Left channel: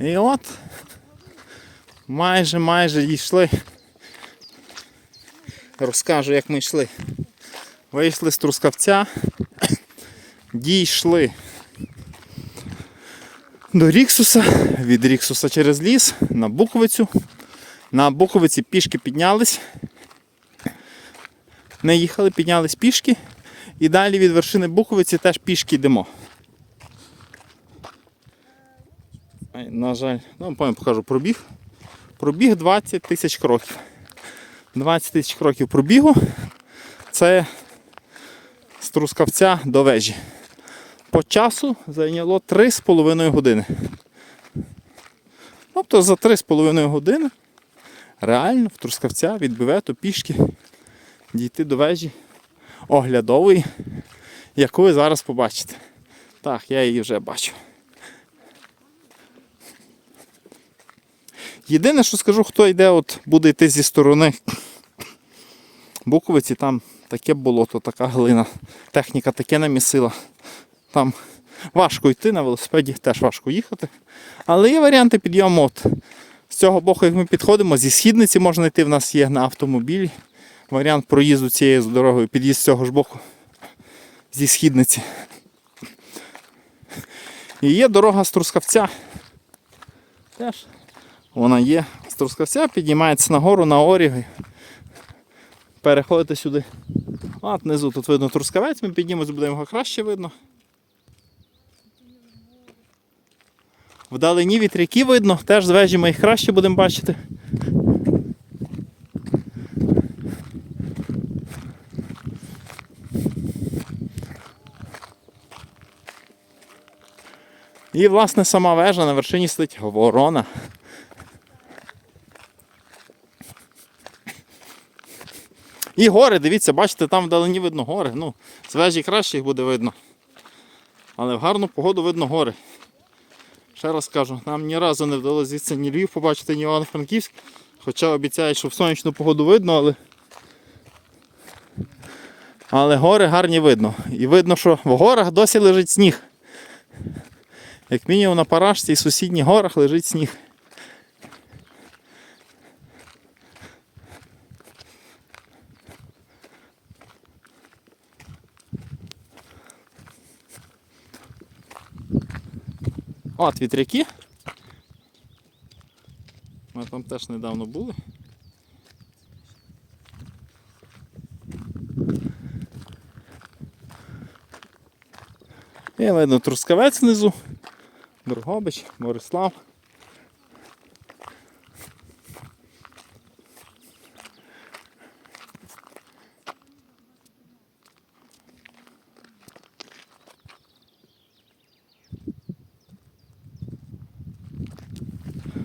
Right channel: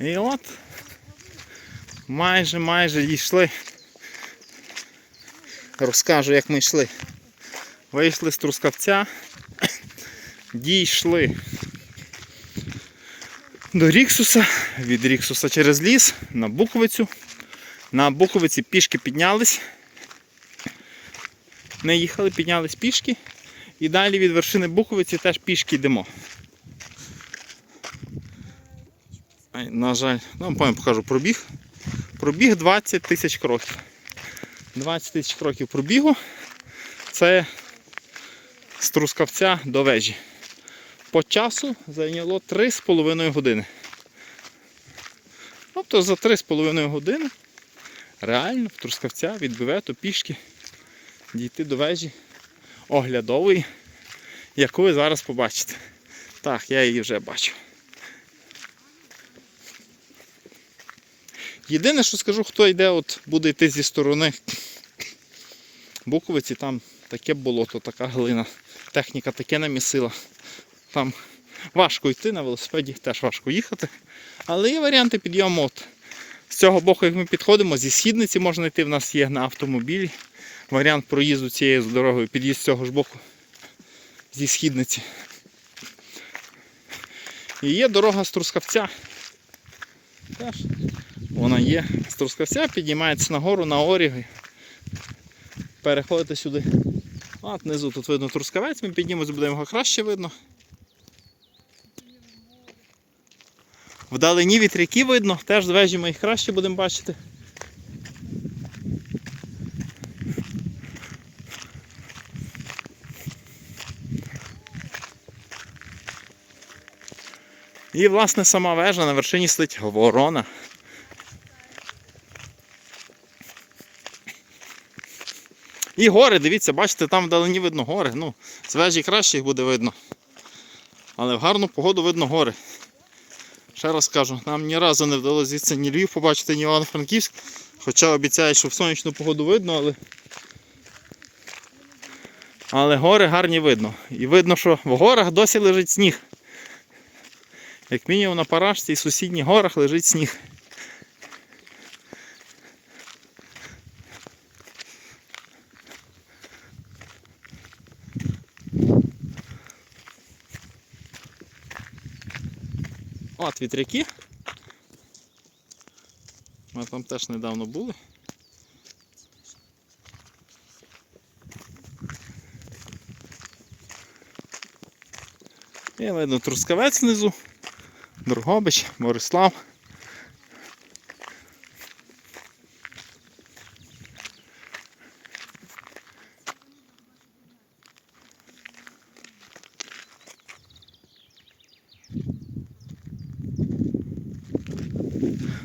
І от майже майже дійшли. Розкажу, як ми йшли. Вийшли з Трускавця, дійшли до Ріксуса, від Ріксуса через ліс на Буковицю. На Буковиці пішки піднялись. Не їхали, піднялись пішки. І далі від вершини Буковиці теж пішки йдемо. На жаль, ну, потім покажу пробіг. Пробіг 20 тисяч кроків. 20 тисяч кроків пробігу. Це з Трускавця до вежі. По часу зайняло 3,5 години. Тобто за 3,5 години реально в Трускавця від Бивету пішки дійти до вежі оглядової, яку ви зараз побачите. Так, я її вже бачу. Єдине, що скажу, хто йде, от буде йти зі сторони Буковиці, там таке болото, така глина. Техніка таке намісила. Там важко йти на велосипеді, теж важко їхати. Але є варіанти підйому. От. З цього боку, як ми підходимо, зі східниці можна йти, в нас є на автомобілі. Варіант проїзду цією дорогою, під'їзд з цього ж боку. Зі східниці. І є дорога з Трускавця. Теж вона є. З Трускавця піднімається нагору на Оріги. Переходите сюди. От внизу тут видно Трускавець, ми піднімемось, буде його краще видно. Вдалині вітряки видно, теж з вежі ми їх краще будемо бачити. І, власне, сама вежа на вершині сидить ворона. І гори, дивіться, бачите, там вдалині видно гори. Ну, з вежі краще їх буде видно. Але в гарну погоду видно гори. Ще раз кажу, нам ні разу не вдалося звідси ні Львів побачити, ні Івано-Франківськ. Хоча обіцяють, що в сонячну погоду видно, але. Але гори гарні видно. І видно, що в горах досі лежить сніг. Як мінімум на Парашці і сусідніх горах лежить сніг. От вітряки. Ми там теж недавно були. І видно Трускавець внизу, Другобич, Борислав.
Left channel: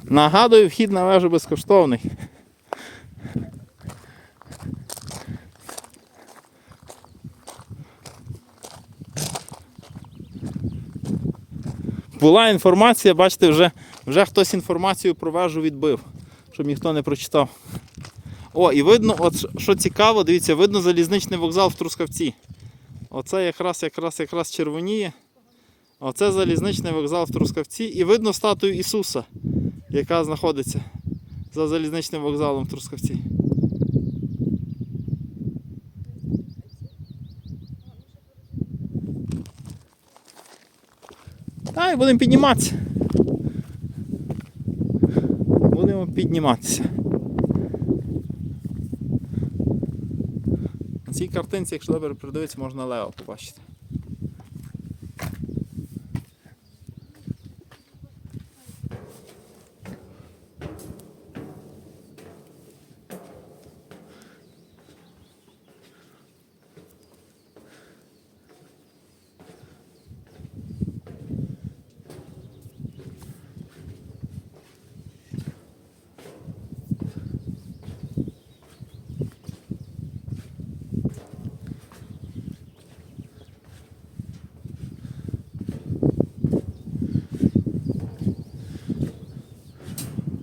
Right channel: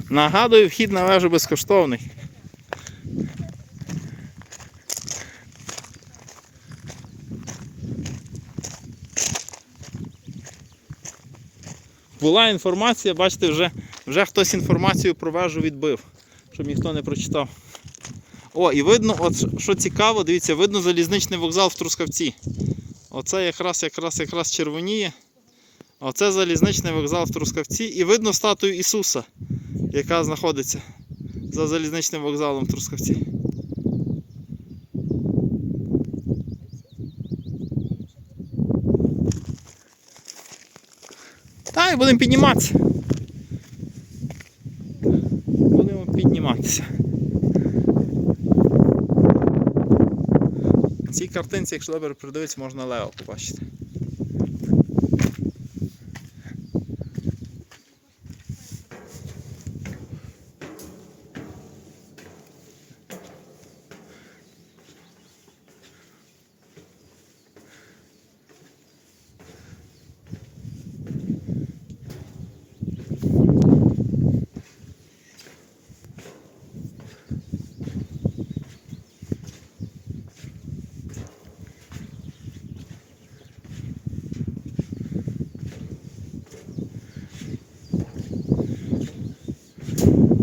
Нагадую, вхід на вежу безкоштовний. Була інформація, бачите, вже, вже хтось інформацію про вежу відбив, щоб ніхто не прочитав. О, і видно, от що цікаво, дивіться, видно залізничний вокзал в Трускавці. Оце якраз якраз якраз червоніє. Оце залізничний вокзал в Трускавці. І видно статую Ісуса, яка знаходиться за залізничним вокзалом в Трускавці. І будемо підніматися. Будемо підніматися. На цій картинці, якщо добре придивитися, можна лево побачити.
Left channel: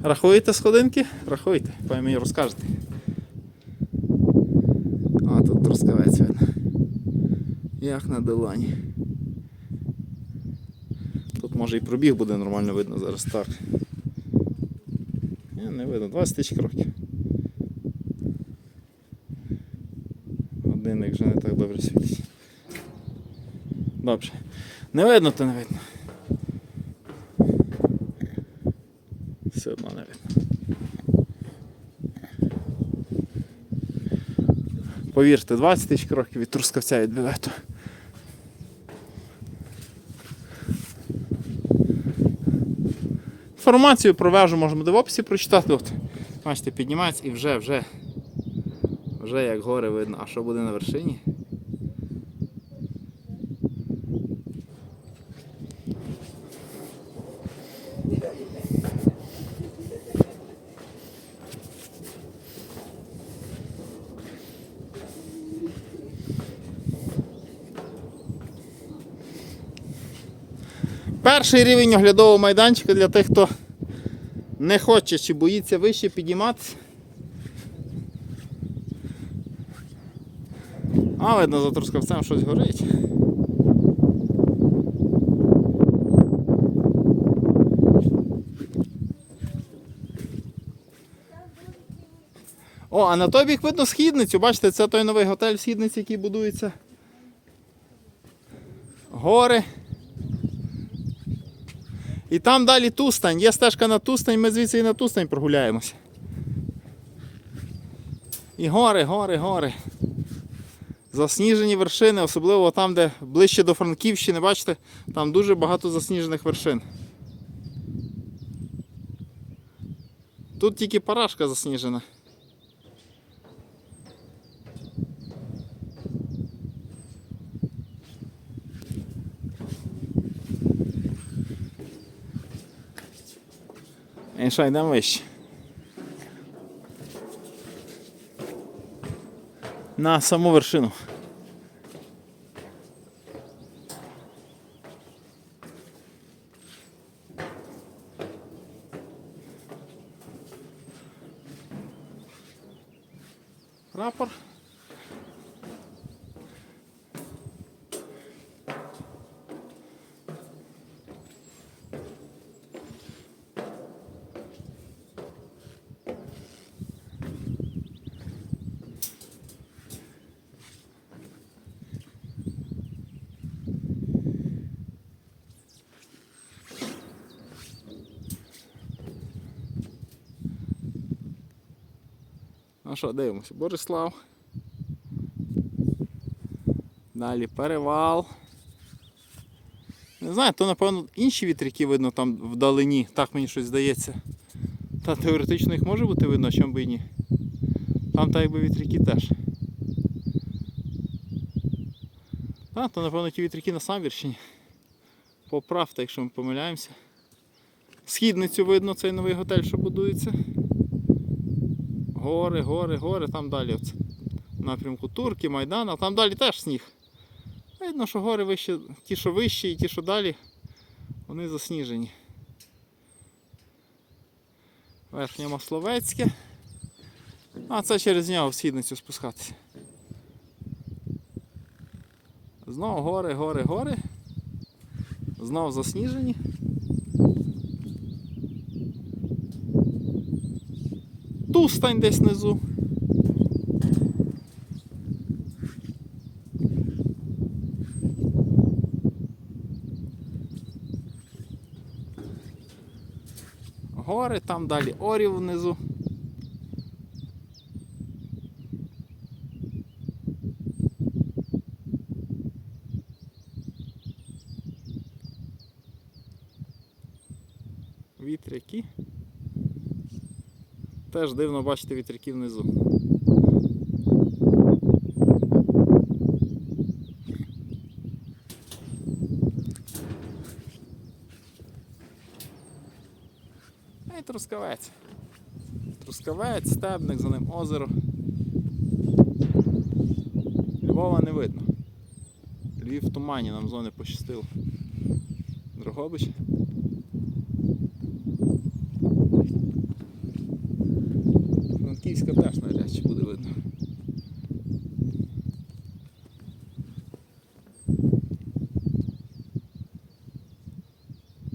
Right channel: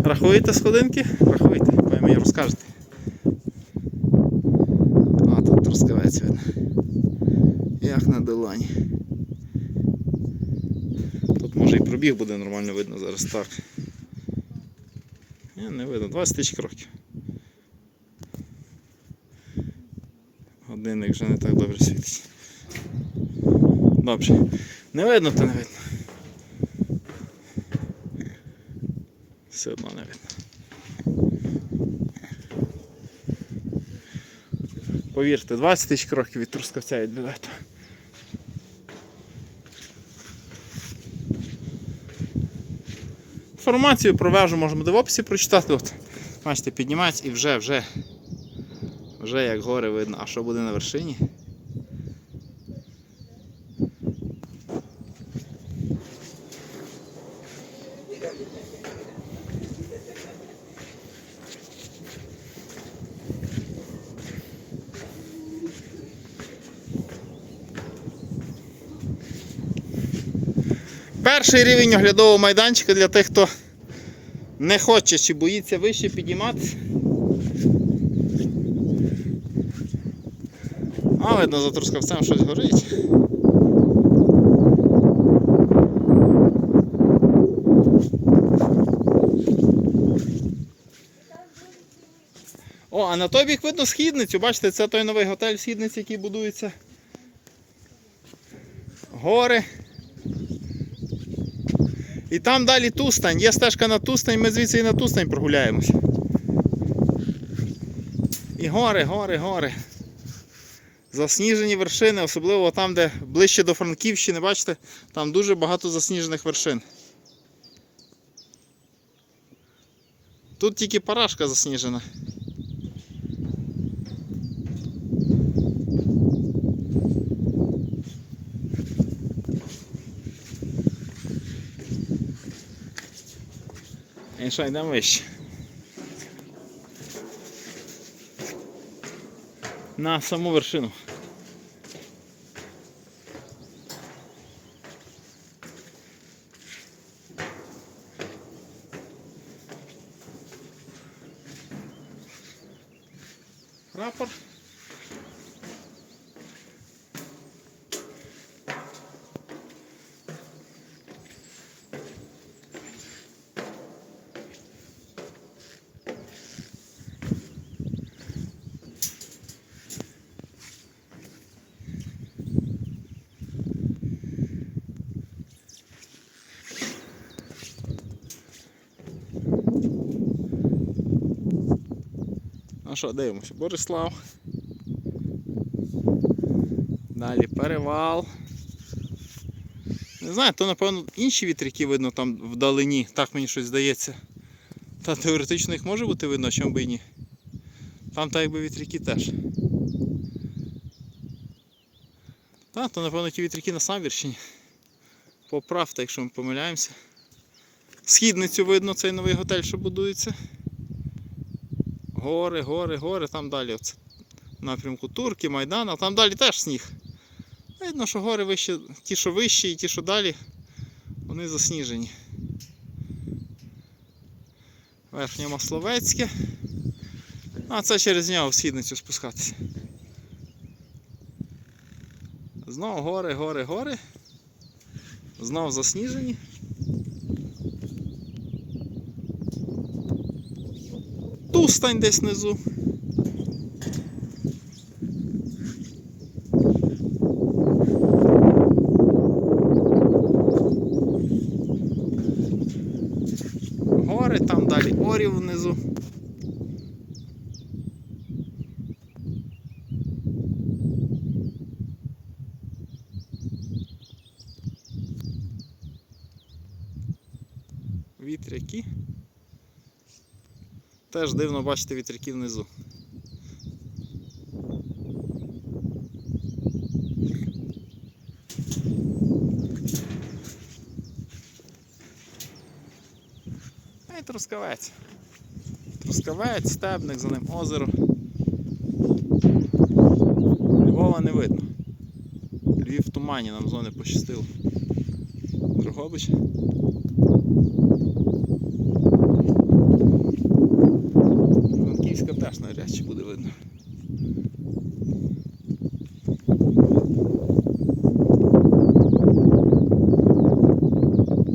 Рахуєте сходинки? Рахуйте, потім мені розкажете. А, тут трускавець видно. Як на долоні. Тут Може і пробіг буде нормально видно зараз так. Ні, не видно, 20 тисяч кроків. Годинник вже не так добре світить. Добре. Не видно, то не видно. Все одно не. Повірте, 20 тисяч кроків від Трускавця від бювету. Інформацію про вежу можемо де в описі прочитати. От, бачите, піднімається і вже, вже, вже як гори видно. А що буде на вершині? Перший рівень оглядового майданчика для тих, хто не хоче чи боїться вище підніматися. А, видно, за трускавцем щось горить. О, а на той бік видно східницю. Бачите, це той новий готель в східниці, який будується. Гори. І там далі Тустань. Є стежка на Тустань, ми звідси і на Тустань прогуляємося. І гори, гори, гори. Засніжені вершини, особливо там, де ближче до Франківщини, бачите, там дуже багато засніжених вершин. Тут тільки парашка засніжена. І що, йдемо. На саму вершину. Прапор. Ну що, дивимося, Борислав. Далі перевал. Не знаю, то напевно інші вітряки видно там вдалині, так мені щось здається. Та теоретично їх може бути видно, чому би і ні. Там так якби вітряки теж. Та, то напевно ті вітряки на Самвірщині. Поправте, якщо ми помиляємося. Східницю видно цей новий готель, що будується. Гори, гори, гори, там далі в напрямку Турки, Майдан, а там далі теж сніг. Видно, що гори вище, ті, що вищі і ті, що далі, вони засніжені. Верхнє Масловецьке. А це через нього в східницю спускатися. Знову гори, гори, гори. Знову засніжені. Тустань десь внизу. Гори, там далі орів внизу. Вітряки. Теж дивно бачити вітряки внизу. Й трускавець. Трускавець, стебник, за ним озеро. Львова не видно. Львів в тумані, нам зони пощастило. Дрогобич. Теж навряд чи буде видно.